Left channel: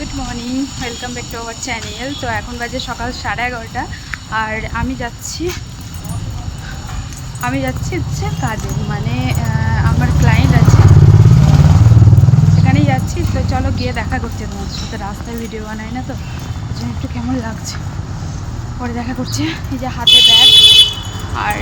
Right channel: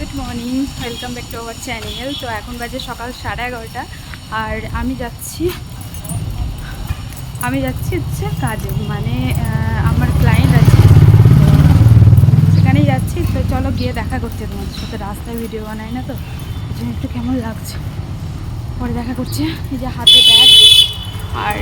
Good morning, welcome back to our channel. তো এখন বাজে সকাল সাড়ে এগারোটা, আর আমি যাচ্ছি আমি যাচ্ছি হচ্ছে কাজে। মানে আমার ক্লায়েন্ট আছে। তো সেখানেই যাচ্ছি। তো চলো গিয়ে দেখা করছি তোমাদের সাথে। রাস্তায় ভিডিও বানাই না তো ওই জন্য একটু কেমন লাগছে। পরে দেখা করছি। এই যে হাতে ব্যাগ আর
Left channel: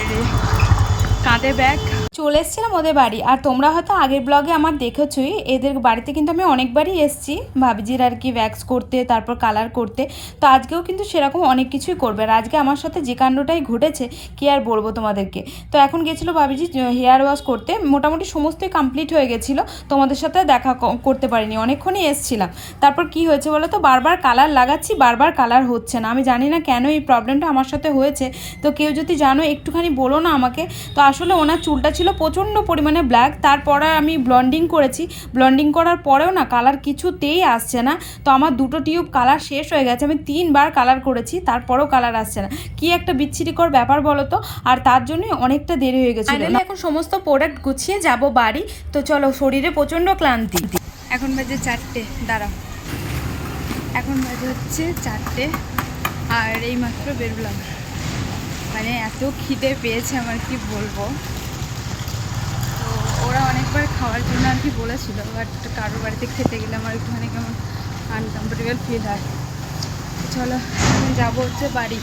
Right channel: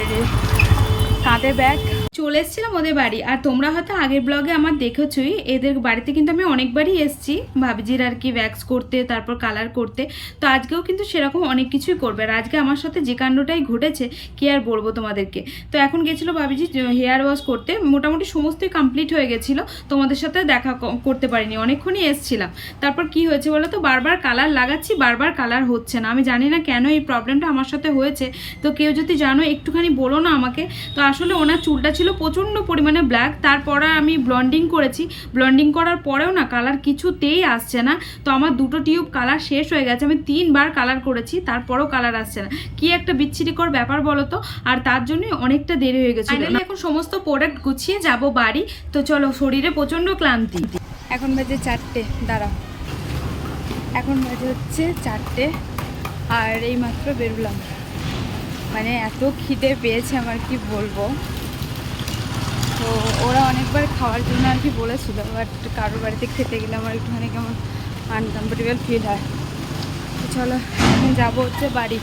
কাঁধে ব্যাগ চলে এসেছিলাম ওদের বাড়ি। আর তোমরা হয়তো আগের ব্লগে আমার দেখেছই, এদের বাড়িতে কিন্তু আমি অনেকবারই এসেছি। ভাবিজির আর কি ভ্যাক্স করতে, তারপর কালার করতে। তো আজকেও কিন্তু সেরকম অনেক কিছুই করবে। আর আজকে আমার সাথে যে কাণ্ডটাই ঘটেছে, কি আর বলব তোমাদেরকে? তো এখন গেছিল ভাবিজি হেয়ার ওয়াশ করতে। মোটামুটি সমস্তই কমপ্লিট হয়ে গেছিল। তোমাদের সাথে দেখা করতে পারিনি। অনেকক্ষণই এসছিলাম। তারপর কি হয়েছে বলো তো বারবার কালার লাগাচ্ছি, বারবার কালার হচ্ছে না। আমি জানি না কেন এই প্রবলেমটা আমার সাথে হয়েছে। তো কেউ যদি জানো, একটুখানি বলো না আমাকে। তো আসলে ওনার চুলটা ছিল প্রচণ্ড পরিমাণে ব্ল্যাক তারপরে আমি ব্লন্ডিং করেছি। ব্লন্ডিং করার পরেও না কালার কিছুতেই আসছে না। তো আমার দুটো টিউব কালার শেষ হয়ে গেছে। আমি তিনবার কালার করেছি, তারপরেও কালার আসছে না। কি একটা বিচ্ছিরিকর ব্যাপার বলো তো? আর তার জন্যই অনেকটা দেরি হয়ে গেছিল। এখন সমস্ত প্রোডাক্ট গুছিয়ে যাব বাড়ি। তো চলো, শরীরে প্রচণ্ড ক্লান্তি। এখন বাজে চারটে, দাঁড়াও। এখন বাজে হচ্ছে চারটে, আর এই মাত্র বেরোলাম। মানে এত খিদে পেয়েছে আমার, কি বলব? তো ওরা অনেকবার খাওয়ার জন্য আর কি বলেছিল বাট কারোর বাড়িতে খেতে গেলে আমার একটুখানি কেমন আনকমফোর্টেবল ফিল হয়। তো চলো, এখন যাব হচ্ছে বাড়ি।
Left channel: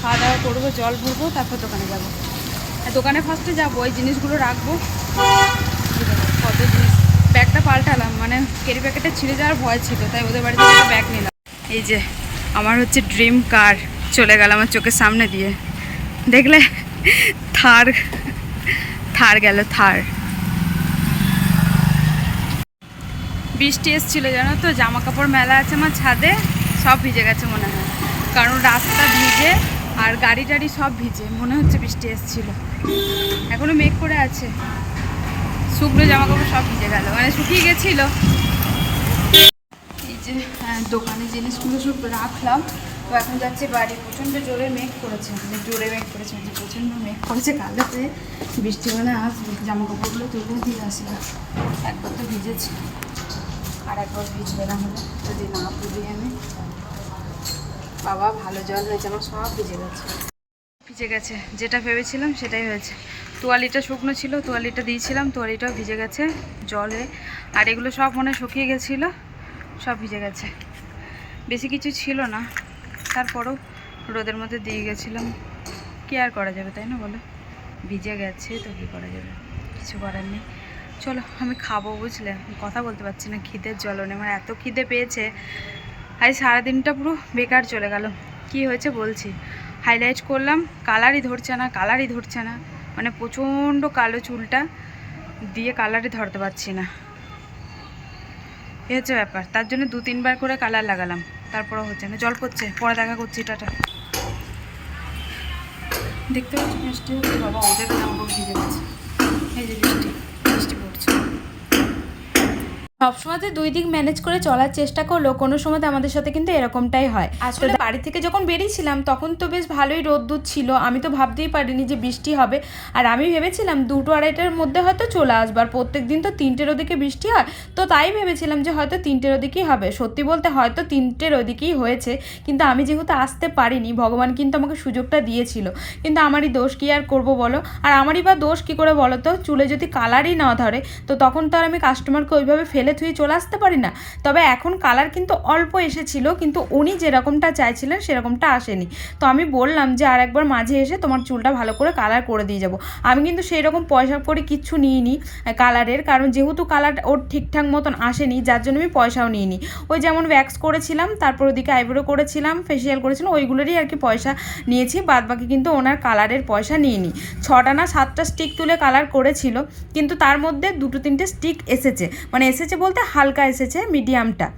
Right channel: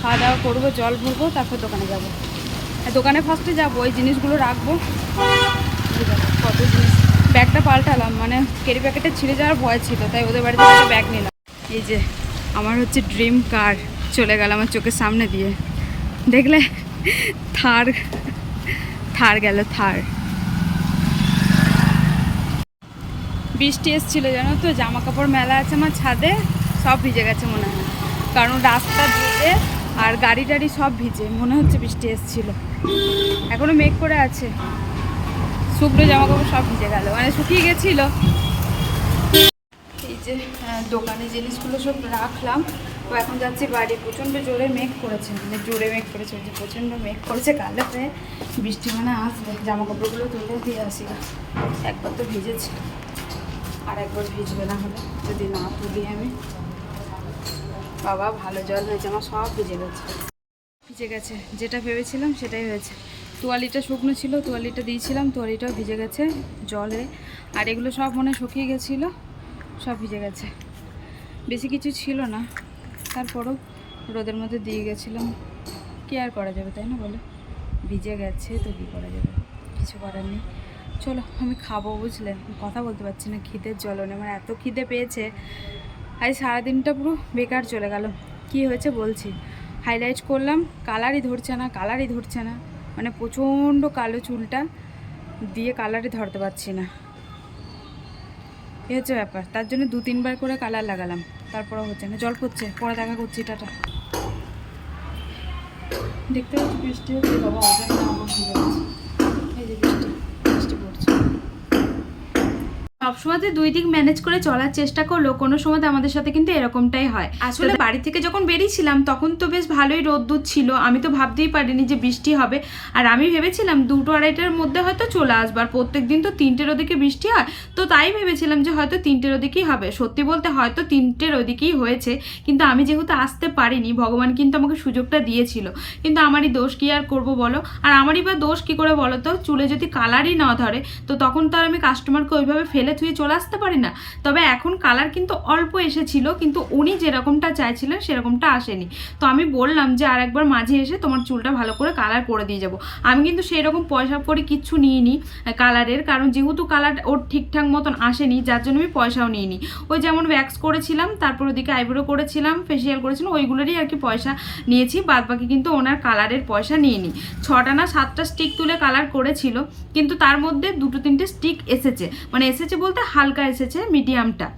খাওয়া দাওয়া করব, জল ভরবো, তারপর দোকানে যাব। দোকানে ফার্স্টে যাব, ওই জিনিসগুলো রাখব। কত জিনিস। ব্যাগটা পাল্টালাম মানে কেরি প্যাকেটে ছিঁড়ে যাওয়ার ভয় ছিল, তাই ওদের বাড়ি থেকে একটা ব্যাগ নিলাম। এই যে, আমার হচ্ছে ড্রিম কার চলে গেল আমার চোখের সামনে দিয়ে। দেখলে থার থার গেল থার বৃষ্টি এসেছিল জানো তো? জামা কাপড় মেলা আছে আমার ছাদে সব ভিজে গেছে মনে হয়। কারণ রাস্তা ভিজে আর গাড়ি টাড়ি সব ভিজে মনে হচ্ছে বৃষ্টি এসেছিল। এখনও মেঘ করে আছে। শুকনো জামা কাপড় সব ভিজে গেল। মানে শুকিয়ে গেছিল। এই যে হ্যাঁ, দোকানে জিনিসগুলো সব রাখলাম। তো এখন যাচ্ছি বাড়ি। প্রচণ্ড জোরে মেঘ করেছে। মানে জোরে মেঘ করেছে যে প্রচণ্ড মেঘ করেছে কালাতে। বৃষ্টি মানে আসবে। জামা কাপড়গুলো তুলে দিয়ে আসি একবার তো ভিজেছে। আর একবার ভিজবে না হলে, যদি না তুলি আমি। বাবা, ভালো জল হয়েছে, আমার সব ভিজে গেছে। ভিজে গেছে, যেটা ভেবেছিলাম সেটাই হয়েছে। তোয়ালিটা শুকনো ছিল, তোয়ালিটা দিয়েছিলাম, তোয়ালিটাও ভিজে গেছে জলে। আর এগুলো সব মনে শুকিয়ে গেছিল, সব ভিজে গেছে। বেশি কিছু ছিল না, তারপরেও রোদের মধ্যে দিয়ে গেছিলাম। কি আর করা যাবে, তাই না বলো? ভিজে গেছে তো কি করা যাবে? কিছু করার নেই। চলো, আমি খাব বুঝলে। কথা বলতে পারছি না, খিদের জ্বলনে মানে এত খিদে পেয়েছে। আজ সারাদিনটা পুরো বেকার চলে গেল। কি হয়েছে বলছি? হাইলাইট করলাম কালারই ধরছে না কালারই ধরছে না। মানে প্রচণ্ড কালো চুলটা, দিয়ে কালারই ধরতে পারছি না। এই হচ্ছে ব্যাপার। তার জন্য দু তিনবার করে কালার লাগালাম। তারপরেও হচ্ছে না। জল পড়ছে। পরে দেখা করছি, টাটা। দেখতে পাচ্ছি, বৃষ্টি হচ্ছে। বাবা, ওদের জামা কাপড় ভিজে গেছে এই যে বৃষ্টি বৃষ্টি পড়ছে সবসময় দুই দিক ম্যানেজ করে চলার চেষ্টা করল কোনো সময় আমাদের সাথে কিন্তু এরকমটাই হয়। আসলে বাড়ি থেকে যখন বেরিয়েছিলাম তখন তো বেশ ভালোই রোদ্দুর ছিল। আমি তো ভাবতেই পারিনি যে বৃষ্টি হবে। আর আমি ভেবেছিলাম দুটো আড়াইটার মধ্যে হয়তো চলে আসব। আর প্রত্যেক দিন তো তিনটের ওদিকে বৃষ্টি হয়। তো তাই ভেবেছিলাম যে হয়তো তিনটের ওদিকেই হবে। সত্যি বলতে হয়তো তিনটের ওদিকেই হয়েছে। কিন্তু আমি যেহেতু আসতে পারিনি ভগবান কিন্তু আমাকে সুযোগটা দিয়েছিল। কিন্তু আমারই দোষ কি আর করব বলো? আর আমারই বা দোষ কি করে বলো তো? চুলে যদি কালারই না ধরে তো তখন তো আর আমি কাস্টমারকে ওইভাবে ফেলে থুয়ে চলে আসতে পারি না। তবে এখন কালার কিন্তু অল্প এসেছিল, কিন্তু উনি যেরকমটা চাইছিলেন সেরকমটা আসেনি। তো আমি বললাম যে আর একবার মাঝে এসে তোমার চুলটা ভালো করে কালার করে দিয়ে যাব। আমি কিন্তু সেই রকম পয়সা করে কিচ্ছু নিইনি কালারের, কারণ যেহেতু কালার ওর ঠিকঠাক মতন আসেনি, যার জন্য আমি পয়সাও নিইনি। ওই যেমন ভ্যাক্স করেছিলাম, তারপর ওদিকে আইব্রো করেছিলাম ফেসিয়াল করেছিলাম, ওইগুলোরই আর কি পয়সা নিয়েছি বাদ বাকি কিন্তু ওনার কালারের পয়সা নিইনি। ছটা না সাতটা স্টিক তুলে কালার করেছিল, কিন্তু তার মধ্যে দুটো তিনটে স্টিক এসেছে। মানে এসেছে বলতে হালকা এসেছে মিডিয়ামটা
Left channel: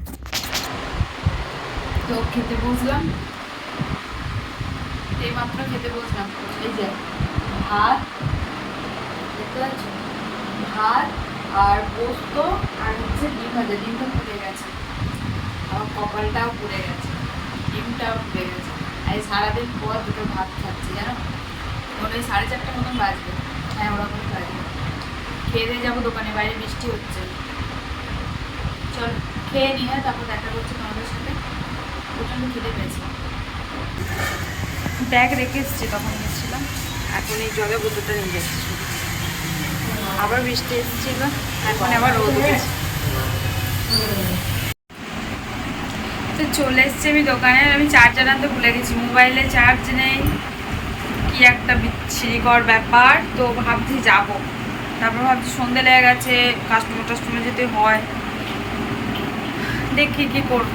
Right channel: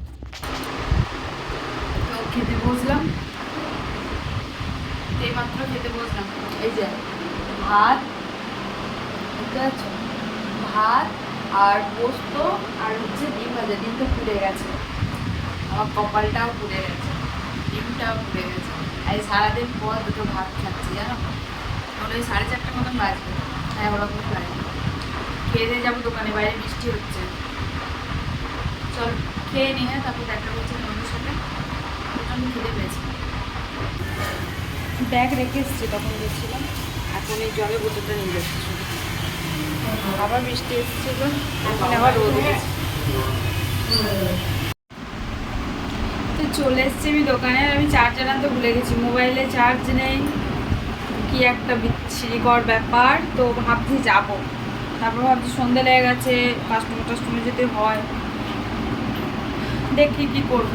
খেতে বসলাম। এইমাত্র খেতে বসলাম। এই যে, ভাত ভাত আর পোস্ত আর হচ্ছে ডিম ভাজা। ডিমটা পুড়ে গেছে। আমার কপালটাও পুড়ে গেছে। ডিমটাও পুড়ে গেছে। আর সারাদিন পর দুটো ভাত খাচ্ছি, জানো? এখন ওই সাড়ে চারটে মতন বাজবে। হ্যাঁ ওরকমই বাজবে খেয়ে দিয়ে যাব দোকানে, বাইরে বৃষ্টি হচ্ছে। চলো, খেয়ে নিয়ে তারপর দেখা করছি তোমাদের সাথে। প্রচণ্ড খিদে পেয়েছে। ব্যাগ রেখে এসেছি, তখন গেছিলাম। এখন এই জলের বোতলটা নিয়ে যাচ্ছি আবার বৃষ্টি এসেছিল, এখন আবার রোদ উঠেছে। তো চলে এসছি আমি দোকানে আমি চার্জার আনতে ভুলে গেছি। মোবাইলে চার্জ নেই, কি একটা বিচ্ছিরিকর ব্যাপার। তো ভাবছি যাব। তারপর ভাবছি সন্ধে লেগে গেছে কাস্টমার টাস্টমার যেতে হয়। দেখি কি করব।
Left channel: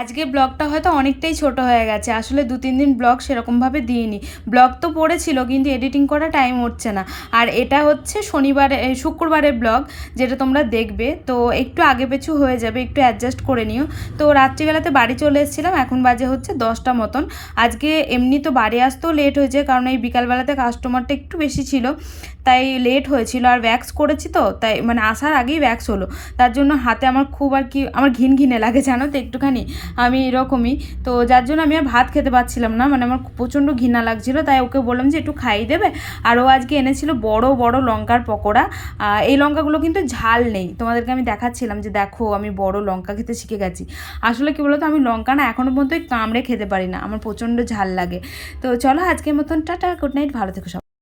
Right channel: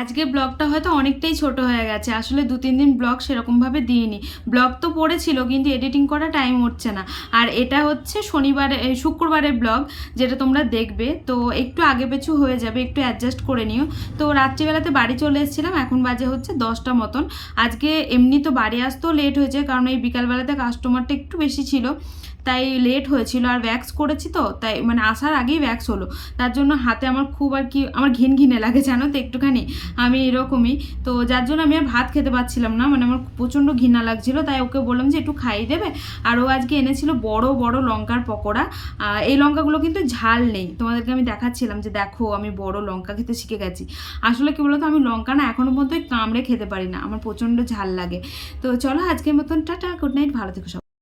আজকে ব্লগটা হয়তো অনেকটাই ছোট হয়ে গেছে, আসলে দু তিন দিন ব্লগ সেরকমভাবে দিইনি। ব্লগ তো পড়েছিল, কিন্তু এডিটিং করা টাইম হচ্ছে না। আর এটা হচ্ছে শনিবারে শুক্রবারের ব্লগ, যেটা তোমরা দেখবে। তো একটু আগে পেছু হয়ে যাবে, একটু অ্যাডজাস্ট করে নিও। তো রাত্রিবেলাতে বাড়ি চলে এসেছিলাম, এখন বাজে হচ্ছে দশটা মতন। আজকে এমনি তো বাড়ি আসতেও লেট হয়েছে কারণ এই বিকালবেলাতে কাস্টমারটা একটু বেশি ছিল। তাই লেট হয়েছিল আর ভ্যাক্স করেছি তো, তাই মানে আসার আগেই ভ্যাক্স হলো। তার জন্য হাতে আমার খুব আর কি, আমার ঘিন ঘিনে লাগে, জানো তো একটুখানি। আমি এরকমই, তো যার জন্য আমি আর ভাত খেতে পারছিলাম না মানে আমার প্রচণ্ড ঘৃণা লাগছিল, তাই ওকে বললাম যে একটু খাইয়ে দেবে। আর ও আজকে এনেছিল বড় বড় লঙ্কার পকোড়া। এই লঙ্কাগুলো কিন্তু ঝাল নেই। তোমাদেরকে আমি দেখাচ্ছিলাম যে দেখো, আমি বড় লঙ্কা খেতে শিখে গেছি। আসলে কি বলতো, আমি লঙ্কা না এখনও পর্যন্ত কামড়ে খেতে পারি না, আমার প্রচণ্ড ঝাল লাগে। তো চলো আজকের মতন, টাটা গুড নাইট ভালো থেকো সব।